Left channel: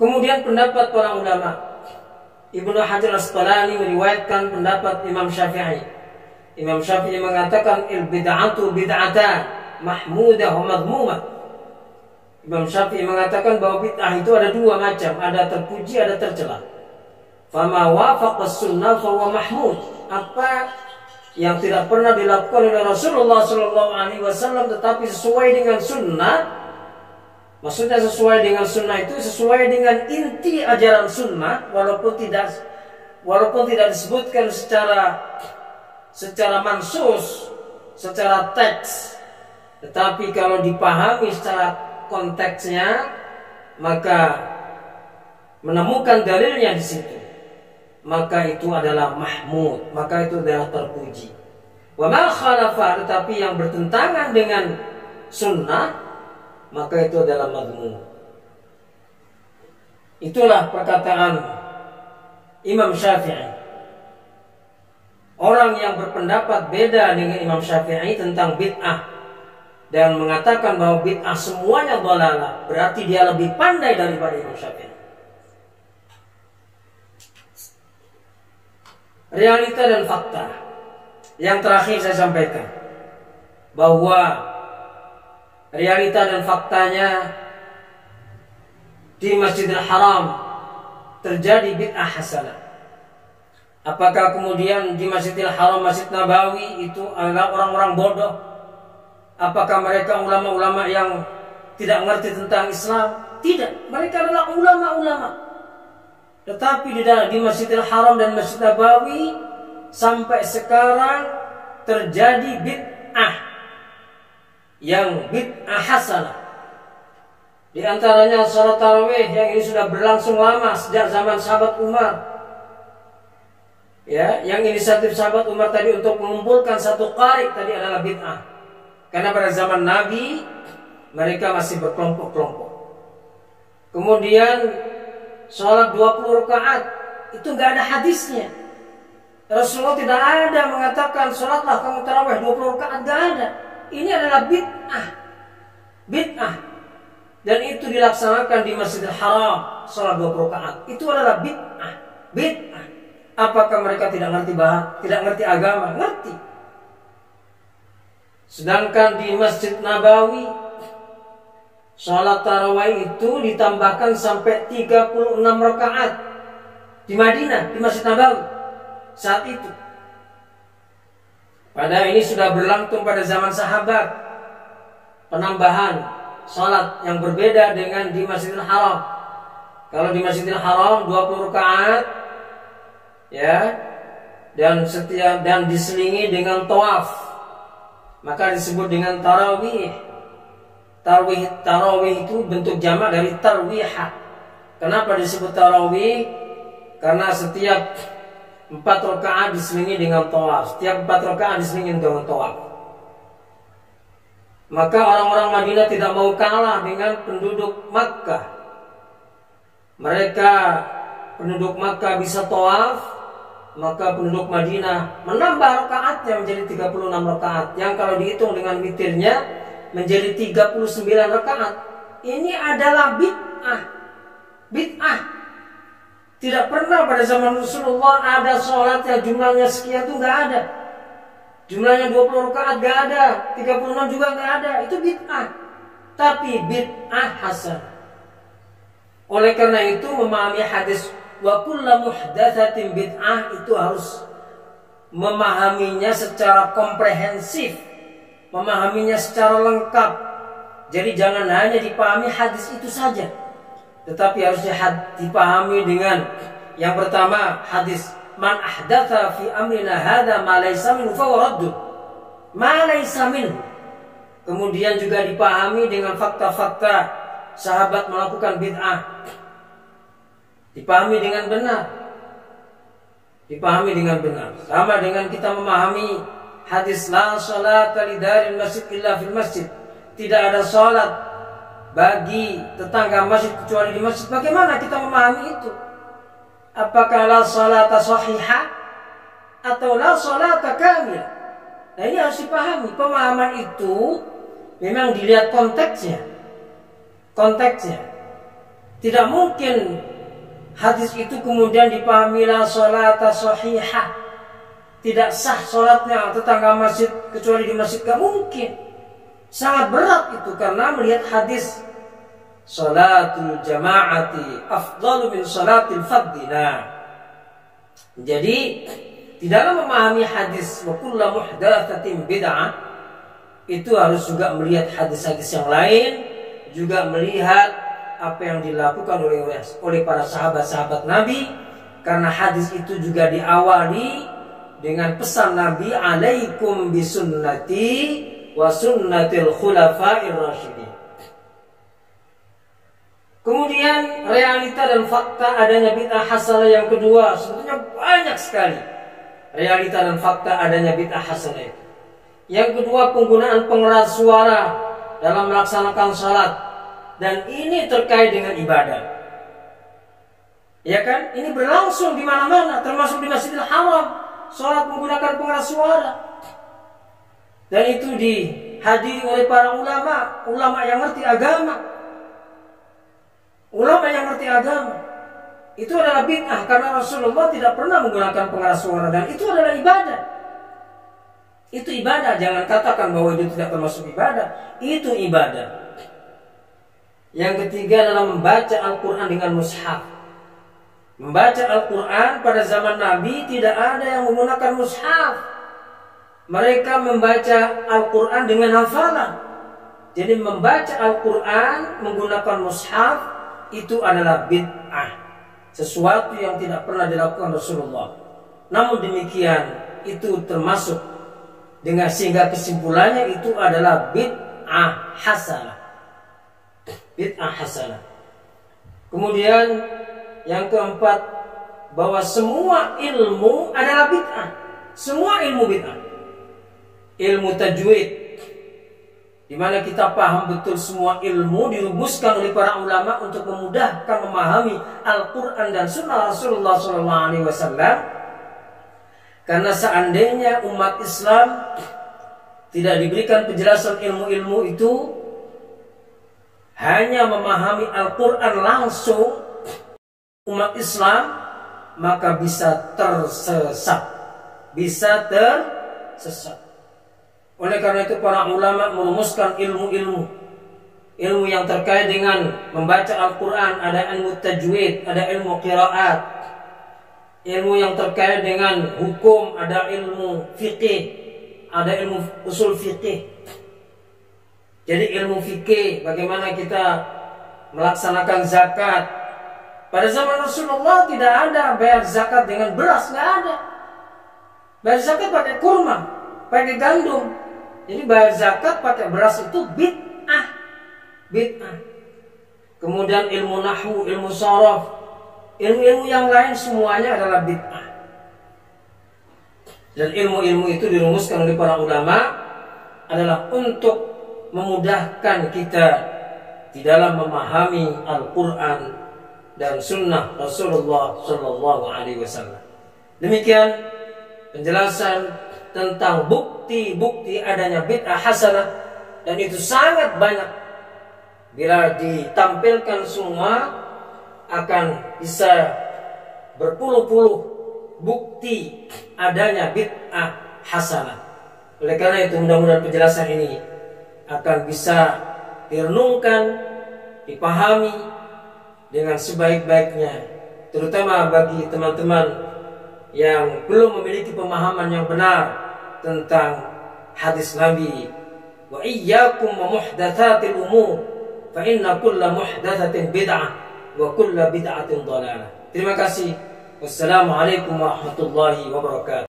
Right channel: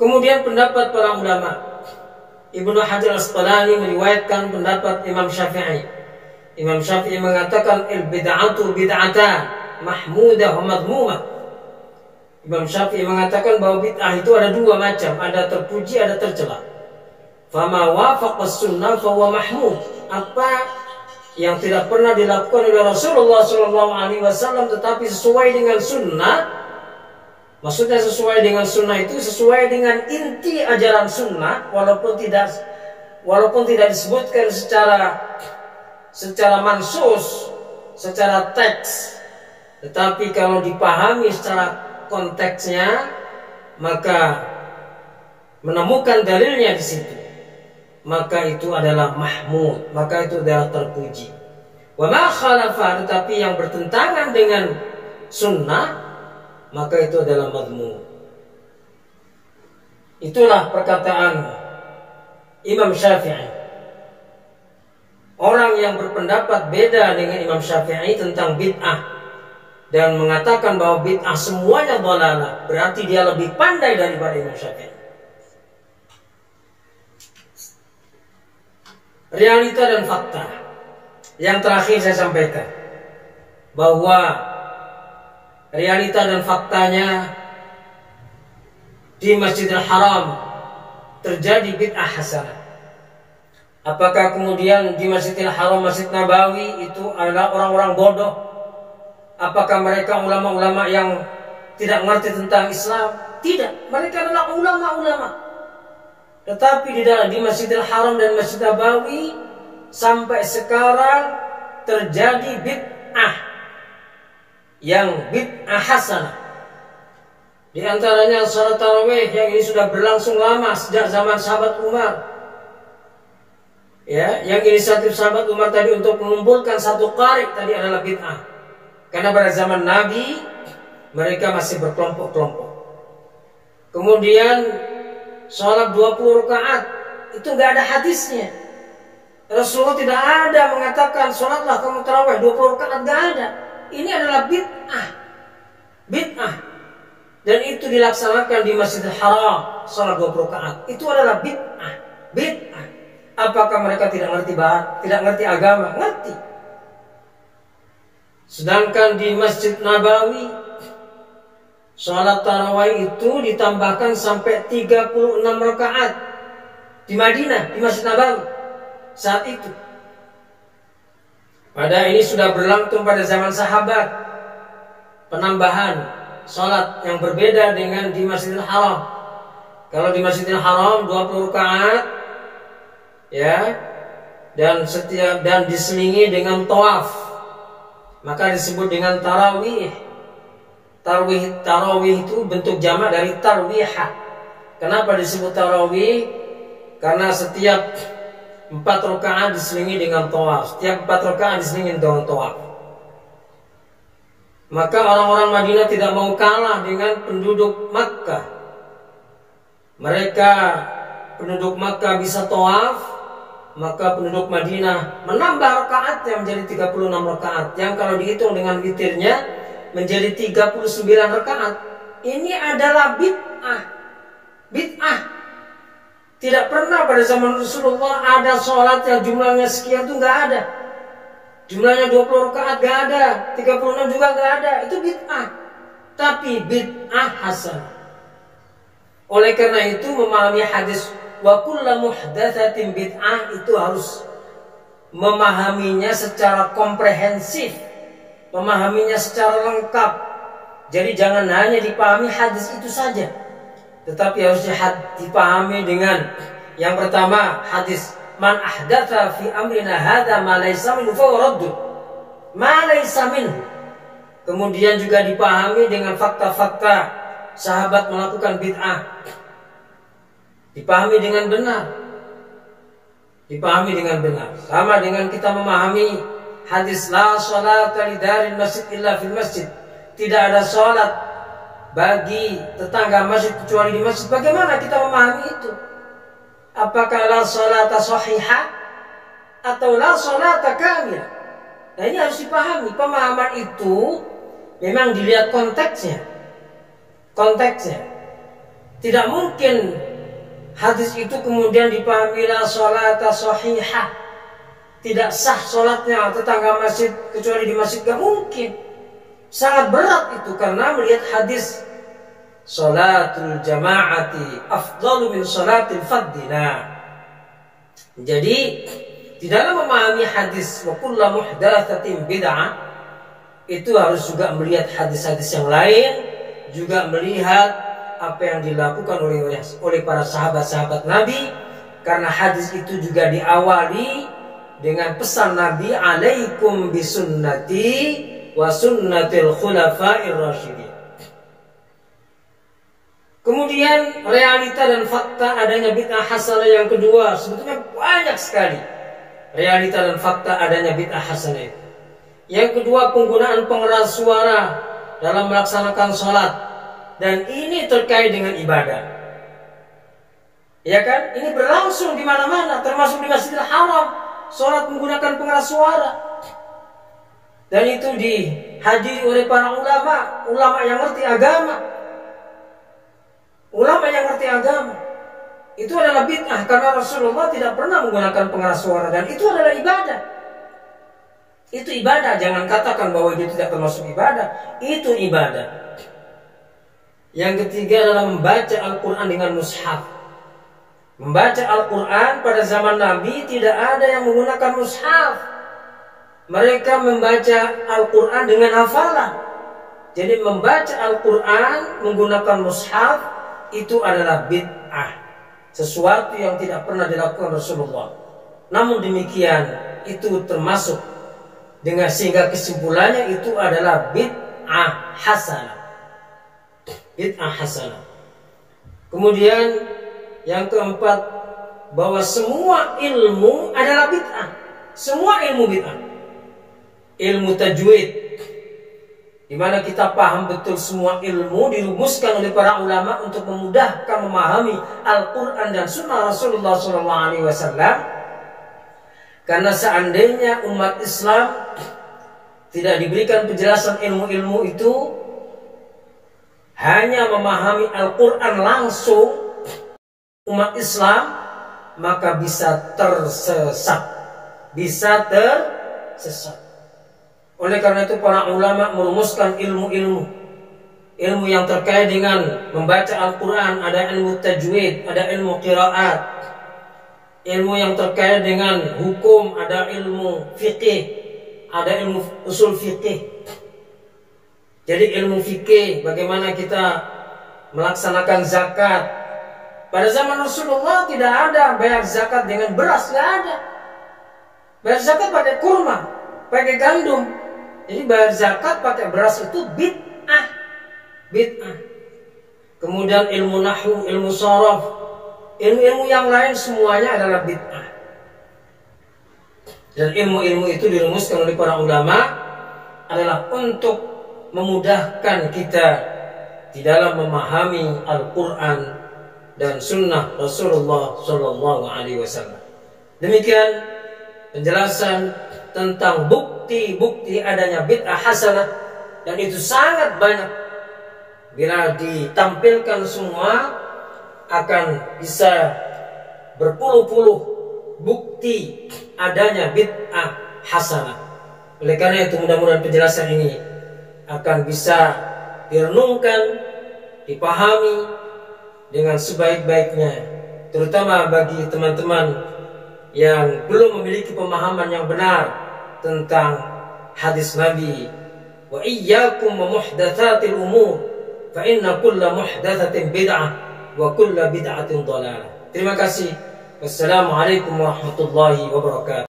Kemudian pendapat para ulama, Ibnu Hajar Al-Asqalani meriwayatkan pendapat Imam Syafi'i. Imam Syafi'i mengatakan al-bid'atu bid'atan mahmudah wa madhmumah. Imam Syafi'i mengatakan bahwa bid'ah itu ada dua macam, ada terpuji, ada tercela. Fama wafaqa sunnah fa huwa mahmud. Apa yang tidak pernah dilakukan oleh Rasulullah SAW tetapi sesuai dengan sunnah, maksudnya sesuai dengan sunnah itu sesuai dengan inti ajaran sunnah, walaupun tidak disebutkan secara mansus, secara teks, tetapi kalau dipahami secara konteksnya, maka menemukan dalilnya di situ, maka itu adalah mahmud, maka itu adalah terpuji. Wa ma khalafa, tetapi yang bertentangan dengan sunnah, maka itu adalah madhmum. Itulah perkataan Imam Syafi'i. Orang yang berpendapat beda dengan Imam Syafi'i tentang bid'ah dan mengatakan bahwa bid'ah semuanya dhalalah, berarti dia lebih pandai daripada Imam Syafi'i. Realita dan fakta. Yang terakhir saya sampaikan bahwa realita dan faktanya di Masjidil Haram terjadi bid'ah hasanah. Apakah kemudian di Masjidil Haram, Masjid Nabawi itu adalah orang-orang bodoh? Apakah mereka ulama-ulama yang tidak mengerti tentang Islam? Tidak, mereka adalah ulama-ulama. Tetapi di Masjidil Haram dan Masjid Nabawi sampai sekarang terjadi bid'ah yang bid'ah hasanah. Di antaranya salat tarawih yang ini sudah berlangsung lama sejak zaman sahabat Umar. Ya, yang inisiatif sahabat Umar tadi untuk mengumpulkan satu qari tadi adalah bid'ah. Karena pada zaman Nabi mereka masih berkelompok-kelompok. Kemudian sholat 20 rakaat itu nggak ada hadisnya. Rasulullah tidak ada mengatakan sholatlah kamu tarawih 20 rakaat, nggak ada. Ini adalah bid'ah. Bid'ah. Dan itu dilaksanakan di Masjidil Haram, sholat 20 rakaat. Itu adalah bid'ah. Bid'ah. Apakah mereka tidak ngerti agama? Ngerti. Sedangkan di Masjid Nabawi sholat tarawih itu ditambahkan sampai 36 rakaat di Madinah, di Masjid Nabawi saat itu. Padahal ini sudah berlangsung pada zaman sahabat, penambahan sholat yang berbeda dengan di Masjidil Haram. Kalau di Masjidil Haram 20 rakaat, ya, dan diselingi dengan tawaf, maka disebut dengan tarawih. Tarawih itu bentuk jamak dari tarwihah. Kenapa disebut tarawih? Karena setiap 4 rakaat diselingi dengan tawaf. Setiap 4 rakaat diselingi dengan tawaf. Maka orang-orang Madinah tidak mau kalah dengan penduduk Makkah. Mereka penduduk Makkah bisa tawaf, maka penduduk Madinah menambah rakaatnya menjadi 36 rakaat. Yang kalau dihitung dengan witirnya menjadi 39 rakaat. Ini adalah bid'ah. Bid'ah. Tidak pernah pada zaman Rasulullah ada sholat yang jumlahnya sekian, itu nggak ada. Jumlahnya 20 rakaat nggak ada, 36 juga nggak ada. Itu bid'ah. Tapi bid'ah hasan. Oleh karena itu memahami hadis wa kullu muhdatsatin bid'ah itu harus memahaminya secara komprehensif, memahaminya secara lengkap. Jadi jangan hanya dipahami hadis itu saja, tetapi harus dipahami dengan yang pertama hadis man ahdatsa fi amrina hadza ma laysa minhu fa radd. Ma laysa minhu. Kemudian juga dipahami dengan fakta-fakta sahabat melakukan bid'ah. Dipahami dengan benar. Dipahami dengan benar. Sama dengan kita memahami hadis la sholata lidaril masjid illa fil masjid. Tidak ada sholat bagi tetangga masjid kecuali di masjid. Bagaimana kita memahami itu? Apakah la sholata sahihah atau la sholata kamilah? Nah, ini harus dipahami. Pemahaman itu memang dilihat konteksnya. Konteksnya. Tidak mungkin hadis itu kemudian dipahami la sholata sahihah, tidak sah sholatnya tetangga masjid kecuali di masjid, gak mungkin. Sangat berat itu karena melihat hadis sholatul jama'ati afdalu min sholatil fadhi. Jadi di dalam memahami hadis wa kullu muhdatsatin bid'ah itu harus juga melihat hadis-hadis yang lain, juga melihat apa yang dilakukan oleh para sahabat-sahabat Nabi, karena hadis itu juga diawali dengan pesan Nabi, alaikum bisunnati wa sunnatil khulafa'ir rasyidin. Kemudian realita dan fakta adanya bid'ah hasanah yang kedua, sebetulnya banyak sekali realita dan fakta adanya bid'ah hasanah itu. Yang kedua, penggunaan pengeras suara dalam melaksanakan salat, dan ini terkait dengan ibadah. Ya kan? Ini berlangsung di mana-mana, termasuk di Masjidil Haram, salat menggunakan pengeras suara. Dan itu dihadiri oleh para ulama yang ngerti agama. Ulama yang ngerti agama. Itu adalah bid'ah karena Rasulullah tidak pernah menggunakan pengeras suara, dan itu adalah ibadah. Itu ibadah, jangan katakan bahwa itu tidak termasuk ibadah. Itu ibadah. Yang ketiga adalah membaca Al-Quran dengan mushaf. Membaca Al-Quran pada zaman Nabi tidak ada yang menggunakan mushaf. Mereka membaca Al-Quran dengan hafalan. Jadi membaca Al-Quran menggunakan mushaf itu adalah bid'ah, sesuatu yang tidak pernah dilakukan Rasulullah. Namun demikian itu termasuk dengan, sehingga kesimpulannya itu adalah bid'ah hasanah. Bid'ah hasanah. Kemudian yang keempat, bahwa semua ilmu adalah bid'ah. Semua ilmu bid'ah. Ilmu tajwid, di mana kita paham betul semua ilmu dirumuskan oleh para ulama untuk memudahkan memahami Al-Quran dan Sunnah Rasulullah SAW. Karena seandainya umat Islam tidak diberikan penjelasan ilmu-ilmu itu, hanya memahami Al-Quran langsung, umat Islam maka bisa tersesat. Oleh karena itu para ulama merumuskan ilmu-ilmu yang terkait dengan membaca Al-Quran. Ada ilmu tajwid, ada ilmu qiraat, ilmu yang terkait dengan hukum, ada ilmu fikih, ada ilmu usul fikih. Jadi ilmu fikih, bagaimana kita melaksanakan zakat. Pada zaman Rasulullah tidak ada bayar zakat dengan beras, nggak ada. Bayar zakat pakai kurma, pakai gandum. Jadi bayar zakat pakai beras itu bid'ah. Kemudian ilmu nahwu, ilmu sharaf, ilmu-ilmu yang lain semuanya adalah bid'ah. Dan ilmu-ilmu itu dirumuskan oleh para ulama adalah untuk memudahkan kita di dalam memahami Al-Quran dan Sunnah Rasulullah SAW. Demikian penjelasan tentang bukti-bukti adanya bid'ah hasanah, dan itu sangat banyak. Bila ditampilkan semua akan bisa berpuluh-puluh bukti adanya bid'ah hasanah. Oleh karena itu mudah-mudahan penjelasan ini akan bisa direnungkan, dipahami dengan sebaik-baiknya, terutama bagi teman-teman yang belum memiliki pemahaman yang benar tentang hadis Nabi. Wa iyyakum wa muhdatsatil umur fa inna kulla muhdatsatin bid'ah wa kulla bid'atin dhalalah. Terima kasih. Wassalamualaikum warahmatullahi wabarakatuh.